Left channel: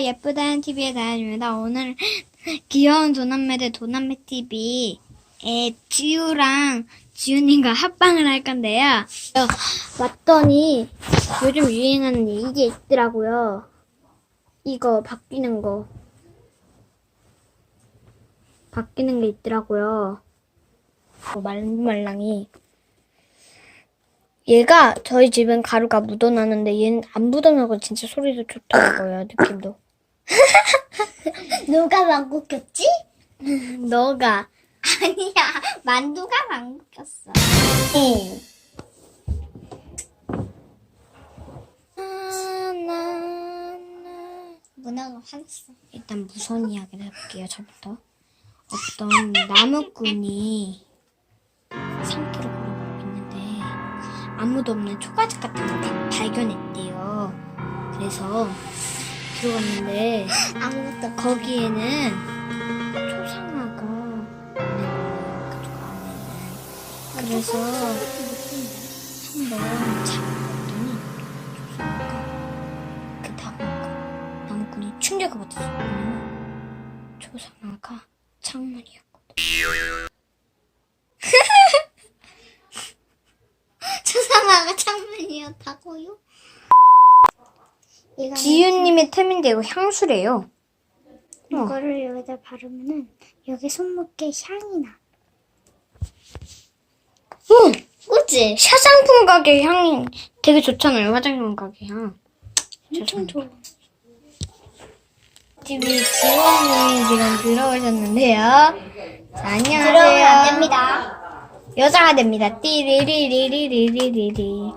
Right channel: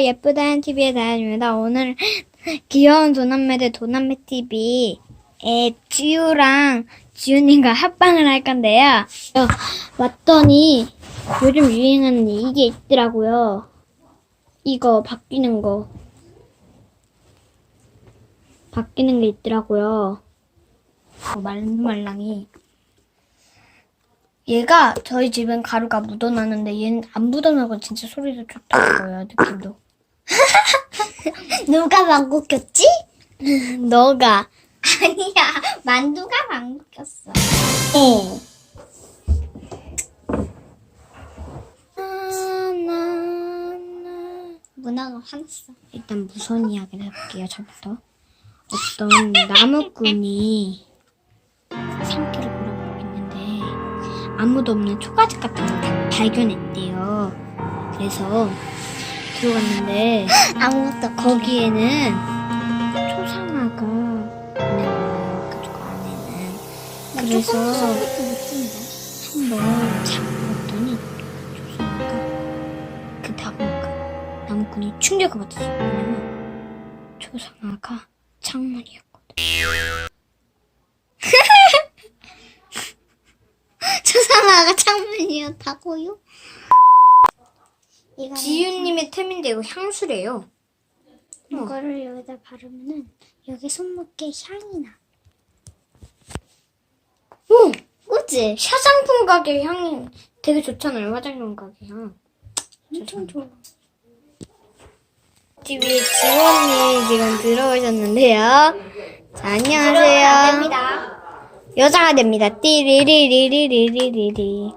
예쁘다는 TV의 다현입니다. 오늘 귀여운 도남매들 도남매 TV에 지우랑 지우님과 합방을 할 건데요. 어, 왔더니 요즘 유행하는 이게 있더라고요. 이거 바뀌는 거. 바뀌는 게 있더라고요. 어, 말랑말랑이. 얘가 저희 집은 가루가 묻어나는데 얘는 안 묻어나고 진짜 소리도 좋더라고요 느낌도 누가 망고 꼈지? 너가 아니야, 만두가 망고 꼈어. 어. 문화가 화났어. 일단 무서운 이야기를 해볼게요 저부터 어떤 나무꾼이 산길을 있는데 아무도 없는 초가집 같은 걸 바- 발견했대요 그래서 들어갔는데 아무것도 거기에는 초상화가 있는 거예요. 그쪽 안에는. 그래서. 한번 잡았더니 초상화가 그 나무꾼, 나무꾼이 충격을 받았어요. 왜냐면 초상화가 창문이었거든. 초상화가 창문이었다고요? 이거는 지윤님의 템인데 이거 향수래요. 이거를 여기다 바르면은 여기 손목에 향이 나. 오! 그치? 화장품 가게 향이 되게 좋잖아요. 화장품 가게 향. 엄청 좋아. TV 지원님 지금 들어오셨는데요. 자, 안녕하세요. 들어오면 안 됩니다. 여자가 됩니다. 띠리리리리리리리.